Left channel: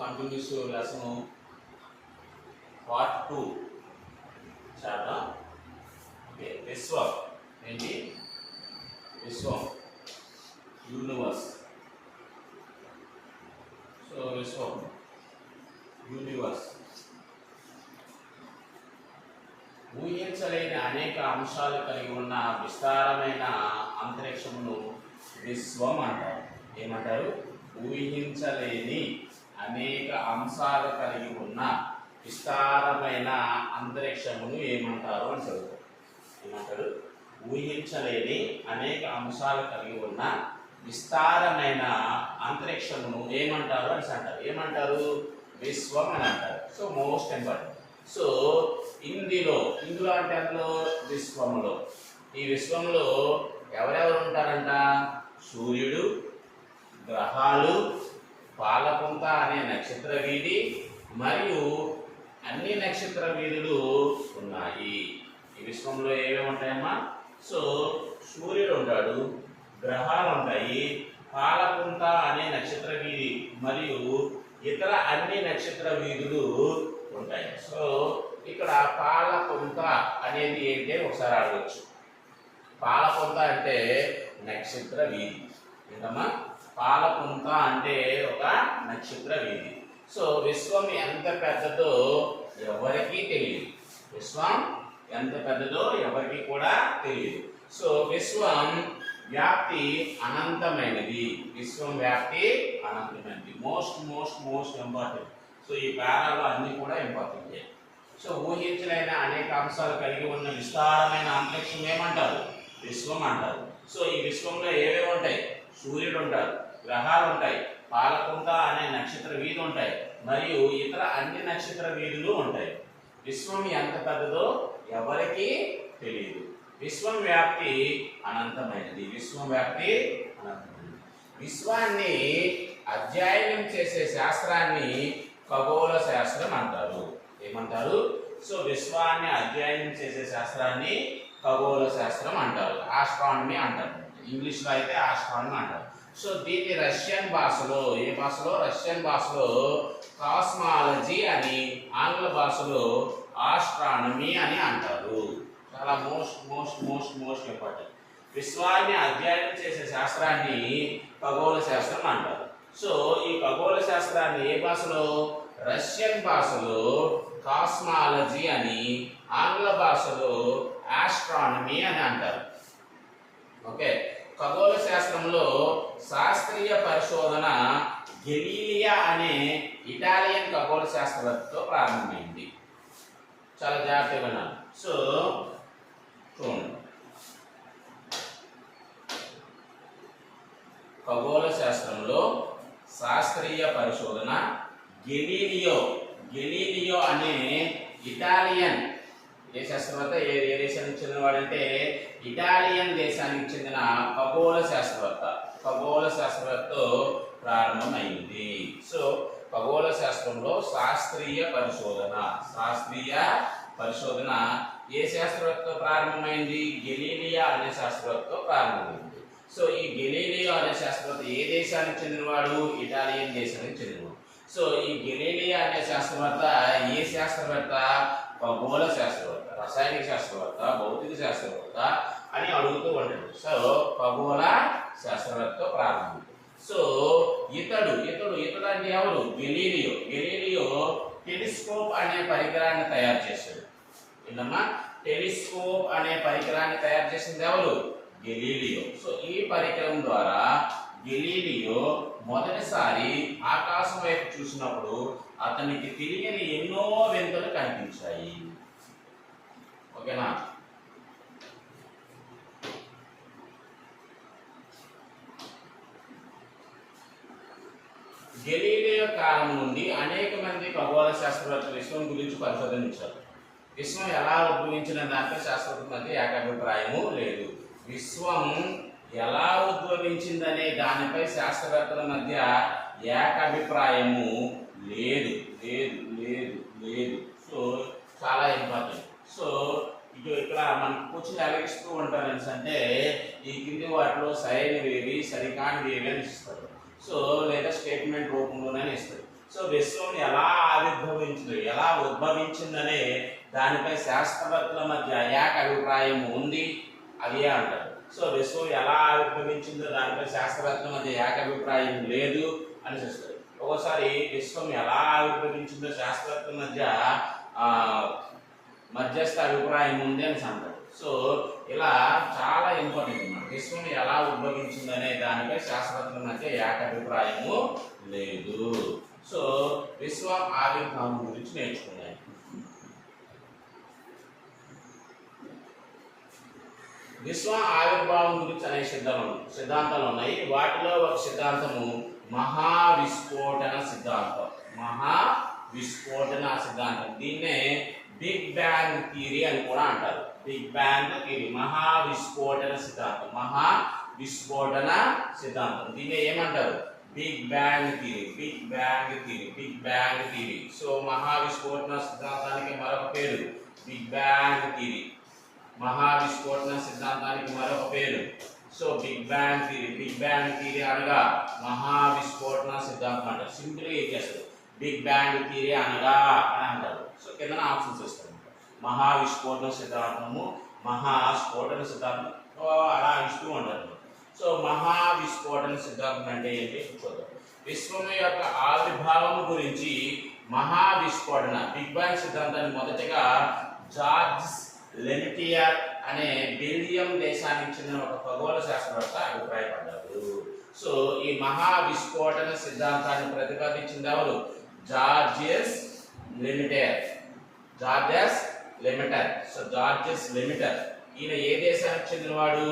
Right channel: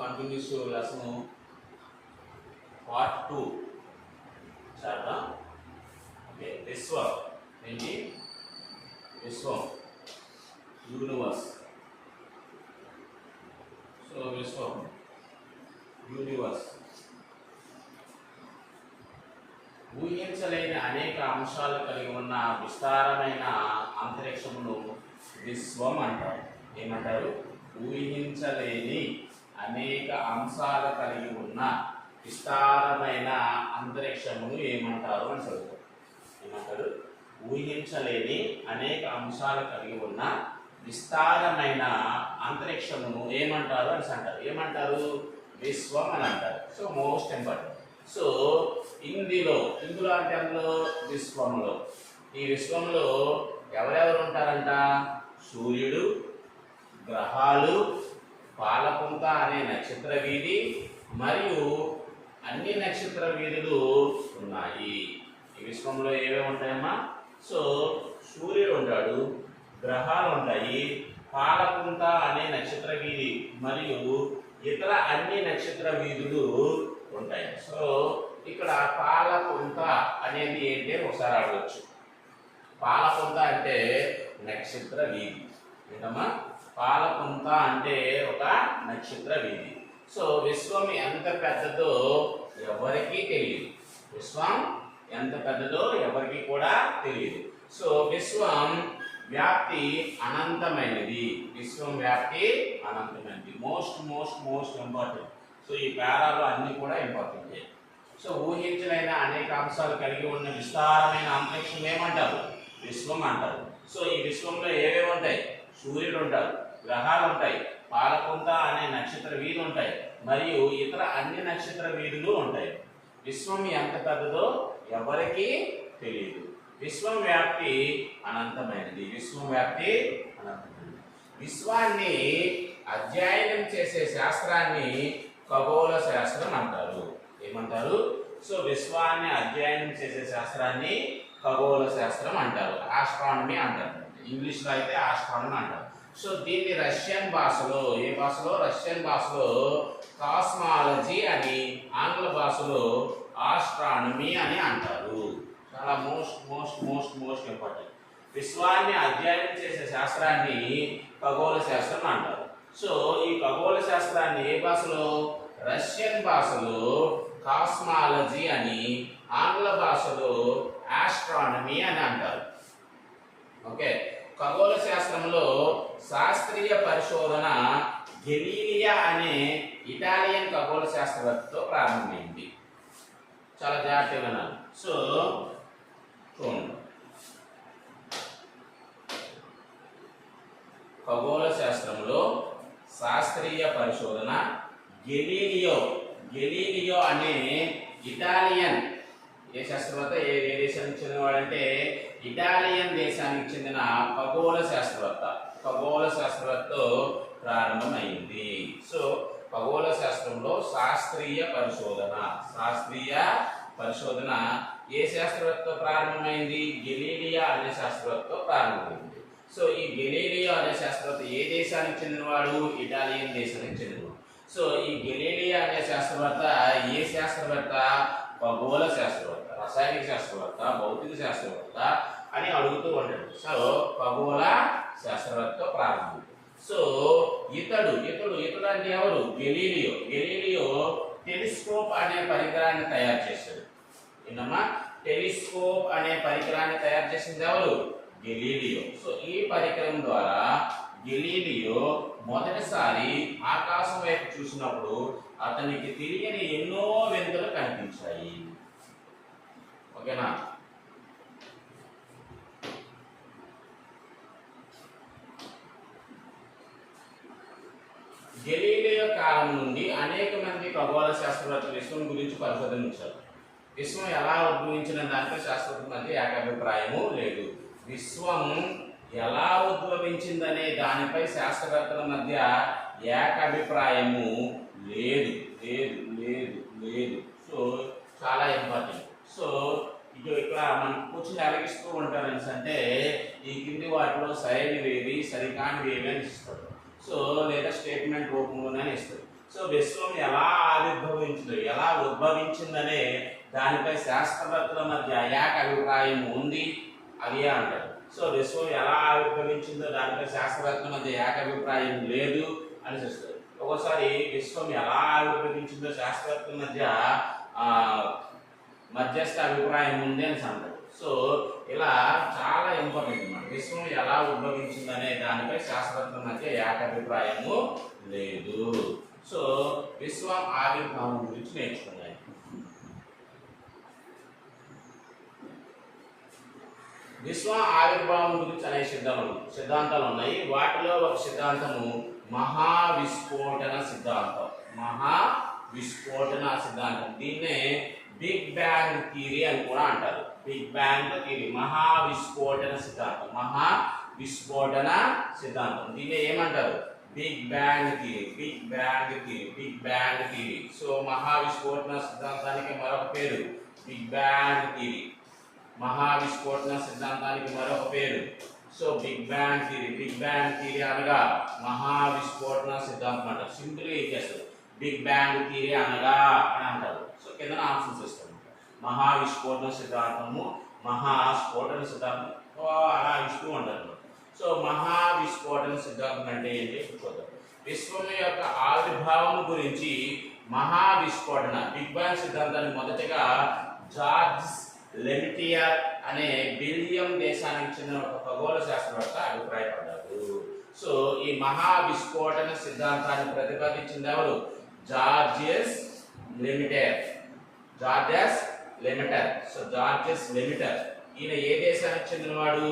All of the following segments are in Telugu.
కంటిన్యూస్ లెసన్ పార్ట్ 2 చాలా ఓకే. విశ్వం ఏంటి? విశ్వం యూనివర్స్. సో విశ్వం యూనివర్స్ ఊహించలేని అనేక అంశాలు కలిగి ఉన్న విస్తారమైన అంతరిక్షమును విశ్వం అంటారు. ఏమంటారు? ఊహించలేని అనేక అంశాలు కలిగి ఉన్న విస్తారమైన అంతరిక్షమును ఏమంటారు అని చదువుతారు. ఏమంటారు? ఊహించలేని అనేక అంశాలు కలిగి ఉన్న విస్తారమైన అంతరిక్షమును ఏమంటారు అని అంటారు. ఏమంటారు? విశ్వం అని అంటారు. So most important. సో ఇందులో అంటే అందులో విశ్వంలో, ఈ విశ్వంలో ఎవరెవరు ఉంటారంట? సూర్యుడు, గ్రహాలు, పాలపుంత అనే నక్షత్ర వీధి మరియు అన్ని నక్షత్ర వీధులు ఉన్నాయి. ఈ విశ్వంలో ఏమేమి ఉంటాయమ్మా? సో సూర్యుడు ఉంటాడు, గ్రహాలు ఉంటాయి, పాలపుంత అనే నక్షత్ర వీధి మరియు ఇతర అన్ని నక్షత్ర వీధులు ఉంటాయి. సో ఇక్కడ పాలపుంత అనేది ఏంటి ఒకసారి అడగచ్చు. పాలపుంత అంటే నక్షత్ర వీధి. ఏంటమ్మా? పాలపుంత అంటే ఒక నక్షత్ర వీధి. సో విశ్వం ఎంత పెద్దదో ఎవరికీ తెలియదు. విశ్వం ఎంత పెద్దదో ఎవరికి కూడా తెలియదు. సో విశ్వం వ్యాప్తి అనంతమైనది. విశ్వం వ్యాప్తి అనంతమైనది. Most most most important. So ఈ పేరాలో అన్ని కూడా ఇంపార్టెంట్. సో ఊహించలేని అనేక అంశాలు కలిగి ఉన్న విస్తారమైన అంతరిక్షం ఏమంటారు? విశ్వం అంటారు. సో ఈ విశ్వంలో ఏవేవి ఉంటాయి? సూర్యుడు ఉంటాడు, గ్రహాలు ఉంటాయి, పాలపుంత అనే నక్షత్ర వీధి ఉంటాయి మరియు ఇతర అన్ని నక్షత్ర వీధులు ఉంటాయి. విశ్వం ఎంత పెద్దదో ఎవరికీ తెలియదు. విశ్వం వ్యాప్తి అనంతమైనది. విశ్వం వ్యాప్తి అనంతమైనది. విశ్వాన్ని అధ్యయనం చేసే శాస్త్రాన్ని ఖగోళ శాస్త్రం అంటారు. ఏమంటారు? సో విశ్వాన్ని అధ్యయనం చేసే శాస్త్రాన్ని ఖగోళ శాస్త్రం అంటారు. ఆస్ట్రానమీ అంటారు. ఇంగ్లీష్లో అయితే ఆస్ట్రానమీ అంటారు. సో దీన్ని రష్యన్ భాషలో, ఏ భాషలో? రష్యన్ భాషలో కాస్మాలజీ అని, ఆంగ్ల భాషలో ఆస్ట్రానమీ అని అంటారు. చాలా most most most most important. విశ్వాన్ని అధ్యయనం చేసే శాస్త్రాన్ని ఖగోళ శాస్త్రం అంటారు. సో ఈ ఖగోళ శాస్త్రాన్ని ఏ భాషలో? రష్యన్ భాషలో కాస్మాలజీ అని, ఆంగ్ల భాషలో ఆస్ట్రానమీ అని అంటారు. ఓకే. ఖగోళ శాస్త్రంలో శాస్త్రీయ పరిశోధన గెలీలియా అనే ఇటాలియన్ ఖగోళ శాస్త్రవేత్తతో ప్రారంభమైంది. చాలా జాగ్రత్తగా వినాలి. సో చూడండి, ఖగోళ శాస్త్రంలో శాస్త్రీయ పరిశోధన గెలీలియో అనే ఇటాలియన్ ఏ శాస్త్రవేత్త, ఏ దేశానికి చెందినవాడంటే ఇటాలియన్ దేశానికి చెందిన ఖగోళ శాస్త్రవేత్తతో ప్రారంభమైంది. సో ఖగోళ శాస్త్రంలో శాస్త్రీయ పరిశోధన ఏ శాస్త్రవేత్తతో ప్రారంభమైంది? గెలీలియా అనే శాస్త్రవేత్తతో ప్రారంభమైంది. సో ఈ గెలీలియో అనే శాస్త్రవేత్త ఏ దేశానికి చెందినవాడు? ఇటాలియన్ దేశానికి చెందినవాడు. సో ఈ గెలీలియా అనే శాస్త్రవేత్త ఏ శాస్త్రవేత్త? ఖగోళ శాస్త్రవేత్త, రసాయనిక శాస్త్రవేత్త, భౌతిక శాస్త్రవేత్త అని అడుగుతూ ఉంటాడు. సో ఖగోళ శాస్త్రవేత్తతో ప్రారంభం. సో ఇతడు అంటే ఎవరు? గెలీలియో టెలిస్కోప్ అనే పరికరాన్ని తయారు చేశాడు. ఏంటమ్మా? టెలిస్కోప్ అనే పరికరాన్ని తయారు చేసింది ఎవరు? గెలీలియో. సో ఈ పరికరం ద్వారా గెలీలియో మొదటిసారి ఆకాశం వైపు చూసినప్పుడు అతనికి తెలియని ఎన్నో వింతలు కనిపించాయి. ఓకేనా? గెలీలియో కాలం నుండి అనేక మంది ఖగోళ శాస్త్రవేత్తలు విశ్వం గురించి పరిశోధించారు. విశ్వం ఎలా ఉద్భవించిన దానిపై శాస్త్రవేత్తల మధ్య ఏకాభిప్రాయము లేదు. విశ్వం ఎలా ఉద్భవించిందనే దానిపై శాస్త్రవేత్తల మధ్య ఏకాభిప్రాయము లేదు. సో చాలా ఇంపార్టెంట్. సో ఇక్కడ మనం కూర్చుని అలగిస్తూ ఉంటారు అంటే ఈ కింది వాటిలో సరైనవేవి సరికానివేవి అని ఇస్తారు. సో లేదా స్టేట్మెంట్ రూపంలోనే ఇస్తుంది. సో విశ్వం ఎలా ఆవిర్భవించింది, ఎలా ఉద్భవించిందనే దానిపై శాస్త్రవేత్తల మధ్య ఏకాభిప్రాయం ఉంది, అదే అంటారు. సో విశ్వం ఎలా ఆవిర్భవించిందో దానిపై శాస్త్రవేత్తల మధ్య ఏకాభిప్రాయం లేదు అని చూస్తారు. ఒక్కోసారి విశ్వం ఎలా ఆవిర్భవించిందో శాస్త్రవేత్తల మధ్యస్థ అభిప్రాయం ఉంది అని అంటారు. సో ఇలా చాలా ఇంపార్టెంట్ అన్నమాట. విశ్వం ఎలా ఉద్భవించిందనే దానిపై శాస్త్రవేత్తల మధ్య ఏకాభిప్రాయము లేదు. సో విశ్వం ఆవిర్భావం గురించి నేర్చుకున్నాను. విశ్వం ఆవిర్భావం గురించి అనేక సిద్ధాంతాలు ఉన్నాయి. వాటిలో ఒక సిద్ధాంతము మహావిస్ఫోటన సిద్ధాంతం. మహావిస్ఫోటన సిద్ధాంతం, దీన్నే బిగ్ బ్యాంగ్ థియరీ అని కూడా అంటారు. బిగ్ బ్యాంగ్ థియరీ, మహావిస్ఫోటన సిద్ధాంతం. మహావిస్ఫోటన సిద్ధాంతం దీన్ని ఏమంటారు? Big bang theory. Big bang theory, big bang theory. So మహావిస్ఫోటన సిద్ధాంతానికి మరొక పేరు బిగ్ బ్యాంగ్ థియరీ. మహావిస్ఫోటన సిద్ధాంతానికి మరొక పేరు so big bang theory. Big bang theory అనగా మహావిస్ఫోటన సిద్ధాంతం అంటారు. సింపుల్గా ఇచ్చేస్తారు, బిగ్ బ్యాంగ్ థియరీ అనగా అని అంటారు. సో కింద ఆప్షన్స్ ఇస్తాను. మహావిస్ఫోటన సిద్ధాంతము, మహాస్ఫోటన సిద్ధాంతం అలా ఇస్తూ ఉంటారు. సో మహావిస్ఫోటన సిద్ధాంతం అంటే ఏంటి చూద్దాం. విశ్వం యొక్క ఆవిర్భావం గురించి మహావిస్ఫోటన బిగ్ బ్యాంగ్ సిద్ధాంతాన్ని మొదటగా జార్జ్ లెమిటియర్ అనే బెల్జియం దేశానికి చెందిన ఒక ఖగోళ శాస్త్రవేత్త అభిప్రాయపడ్డారు. సో ఈ మహావిస్ఫోటన సిద్ధాంతాన్ని ప్రతిపాదించింది ఎవరు? జార్జియస్ లెమిటర్. సో జార్జియస్ లెమిటర్ ఈయన ఏ దేశానికి చెందినవాడు?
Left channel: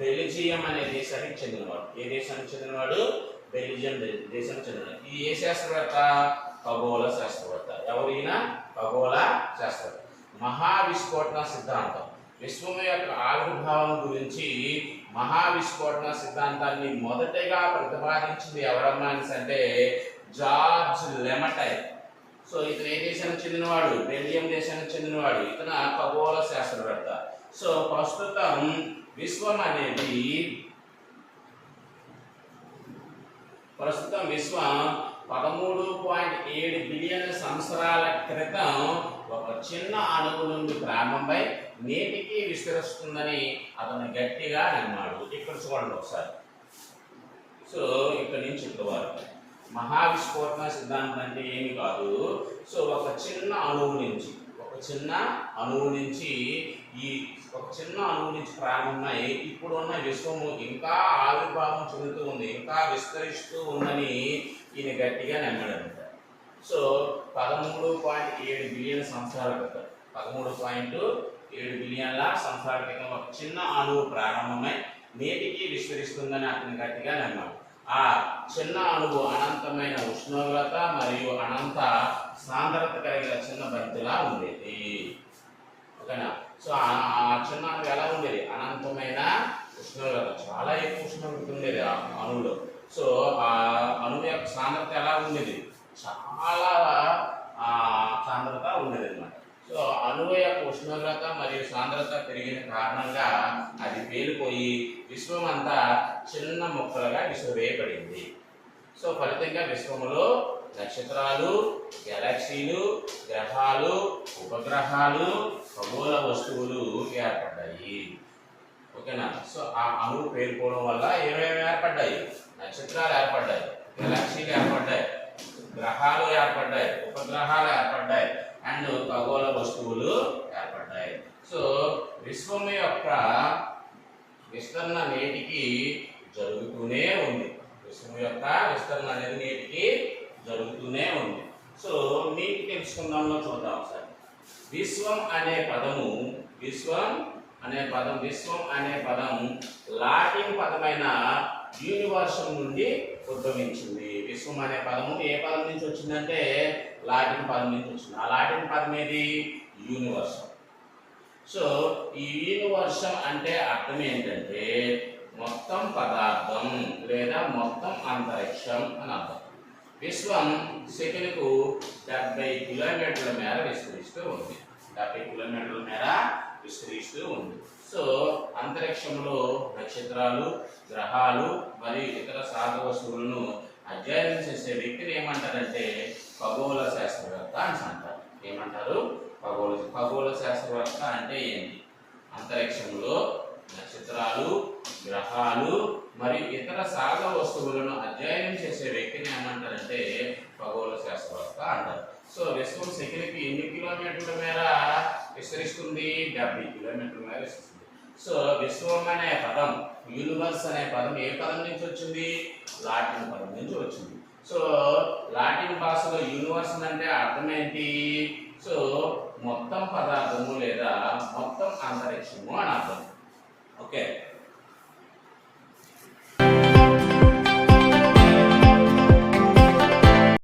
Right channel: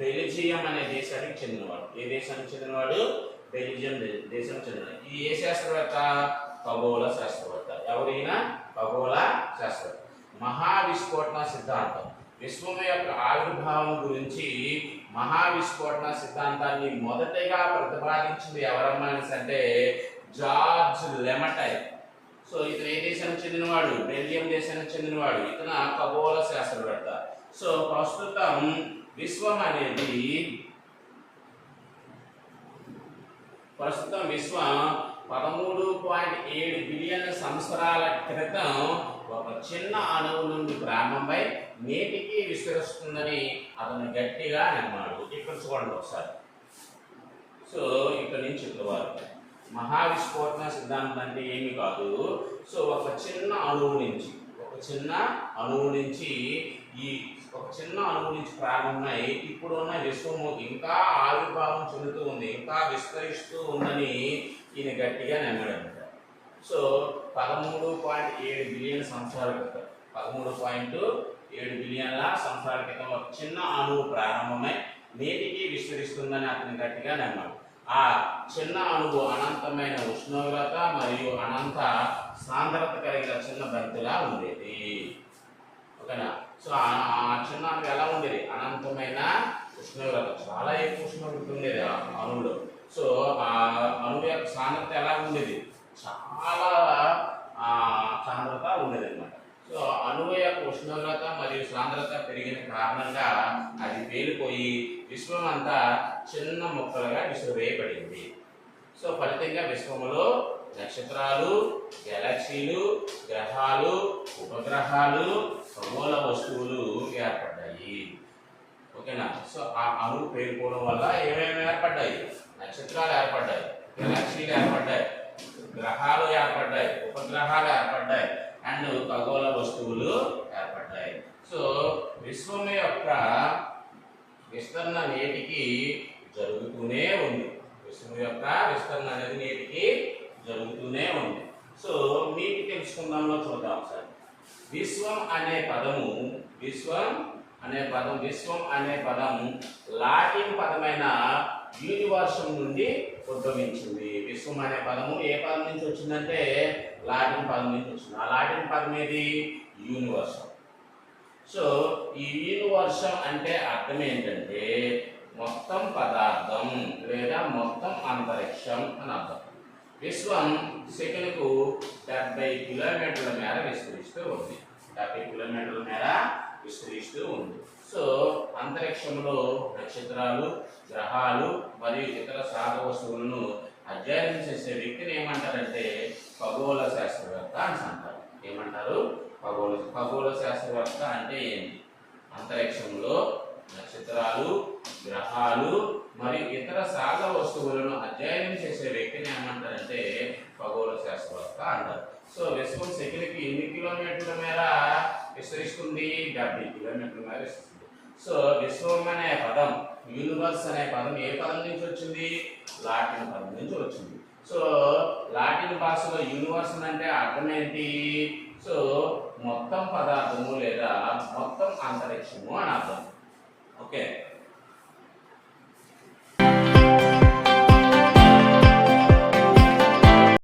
బెల్జియం అనే దేశానికి చెందినవాడు. ఏ దేశానికి చెందినవాడు? బెల్జియం దేశానికి చెందినవాడు. ఈ ఏ శాస్త్రవేత్త? ఖగోళ శాస్త్రవేత్త. ఎవరు ఈయన? ఖగోళ శాస్త్రవేత్త. మహావిస్ఫోటన సిద్ధాంతం, విశ్వం యొక్క ఆవిర్భావం గురించి మహావిస్ఫోటన సిద్ధాంతాన్ని మొదటగా ప్రతిపాదించింది ఎవరమ్మా అంటే జార్జ్ లెమిటర్. సో ఇతను ఏ దేశానికి చెందినవాడు? బెల్జియం దేశానికి చెందినవాడు. ఇతను ఖగోళ శాస్త్రవేత్త. సో ప్రస్తుతం విశ్వం 13.7 బిలియన్ సంవత్సరాల క్రితం ఒక చిన్న అణువు నుండి ప్రారంభమై నేటికి విస్తరిస్తుందని అతను గట్టిగా నమ్మాడు. ఇక్కడ చూడండి ఒకసారి. సో ఇక్కడ నుంచి ఇక్కడ వరకు మహావిస్ఫోటన సిద్ధాంతం అంటే ఏమి కాదు. సో ఒక చిన్న అణువు నుంచి ప్రారంభమై ఇప్పుడున్న విశ్వము ఇంకా ఆవిర్భావం చెందుతూ ఉంది, ఇంకా విస్తరిస్తూ ఉందని ఈయన గట్టిగా నమ్మాడంట. సో 13.7 బిలియన్ సంవత్సరాల క్రితం 13.7 బిలియన్ల సంవత్సరాల క్రితం ఒక చిన్న అణువు ప్రారంభమై నేటికి విస్తరిస్తుందని అతను గట్టిగా నమ్మాడు. ఆ చిన్న అణువు అనంతమైన ఉష్ణోగ్రత మరియు అనంత సాంద్రత కలిగిన చిన్న బంతిలా ఉండేది. ఓకేనా? సో ఆ చిన్న అణువు ఎలా ఉండేది? అనంతమైన ఉష్ణోగ్రత, చాలా ఎక్కువ ఉష్ణోగ్రత ఉండేది ఆ అణువులో. సో ఆ అణువు యొక్క సాంద్రత ఎలా ఉండేది? చాలా సాంద్రత ఉండేది అన్నమాట. సో అణువు యొక్క ఉష్ణోగ్రత మరియు సాంద్రత పెరిగిన కారణంగా అది పేలిపోయి విశ్వం అంతా చిన్న ముక్కలుగా విసిరివేయబడింది. సో ఫలితంగా విశ్వములో నక్షత్రాలు, గెలాక్సీలు, గ్రహాలు, ఉపగ్రహాలు, ఖగోళ వస్తువులు ఏర్పడ్డాయి. ఓకేనా? సో ఆ అణువు పేలిపోవడం వల్ల ఏమేమి ఏర్పడ్డాయి? నక్షత్రాలు ఏర్పడ్డాయి, గెలాక్సీలు ఏర్పడ్డాయి, గ్రహాలు ఏర్పడ్డాయి, ఉపగ్రహాలు ఏర్పడ్డాయి అండ్ ఖగోళ వస్తువులు ఏర్పడ్డాయి. సో విశ్వం యొక్క విస్తరణ నేటికి జరుగుతూనే ఉంది. విశ్వం యొక్క విస్తరణ అనేది నేటికి జరుగుతూనే ఉంది. సో మీకు తెలుసుకుందాంలో చూద్దాం ఒకసారి. విశ్వం అనే పదం లాటిన్ పదమైన యూనివర్సం నుండి ఉద్భవించింది. విశ్వం అనే పదము ఏ పదం నుంచి వచ్చిందంటే లాటిన్ పదం నుంచి వచ్చింది. ఆ లాటిన్ పదం ఏది? యూనివర్సం. సో ఈ యూనివర్సం అంటే అర్థం ఏంటంటే మొత్తం పదార్థం లేదా మొత్తం అంతరిక్షం అని అర్థం. విశ్వం సెకనుకు 70 కిలోమీటర్ల మేర విస్తరిస్తూ ఉంది. 70 కిలోమీటర్ల మేర విస్తరిస్తూ ఉంది. సో అంతరిక్షంలో నక్షత్రాలు, గ్రహాలు మరియు ఇతర సాధ వస్తువులను అధ్యయనం చేసే వ్యక్తిని ఏమంటారంటే ఖగోళ శాస్త్రవేత్త అని అంటారు. ఏమంటారు? ఖగోళ శాస్త్రవేత్త అంటే ఏంటి? అంతరిక్షంలో నక్షత్రాలు, గ్రహాలు మరియు ఇతర సహజ వస్తువులను అధ్యయనం చేసే వ్యక్తిని ఏమంటారంటే ఖగోళ శాస్త్రవేత్త అంటారు. సో విశ్వం సెకనుకి ఎన్ని కిలోమీటర్ల మేర విస్తరిస్తుంది? 70 కిలోమీటర్ల మేర విస్తరిస్తుంది. సో విశ్వం అనే పదం, యూనివర్స్ అనే పదం ఏ పదం నుంచి వచ్చింది? లాటిన్ పదం నుంచి వచ్చింది. సో లాటిన్ భాషలో యూనివర్స్ అంటే అర్థం ఏంటి? సో మొత్తం పదార్థము లేదా మొత్తం అంతరిక్షము అని అర్థం. ఓకే.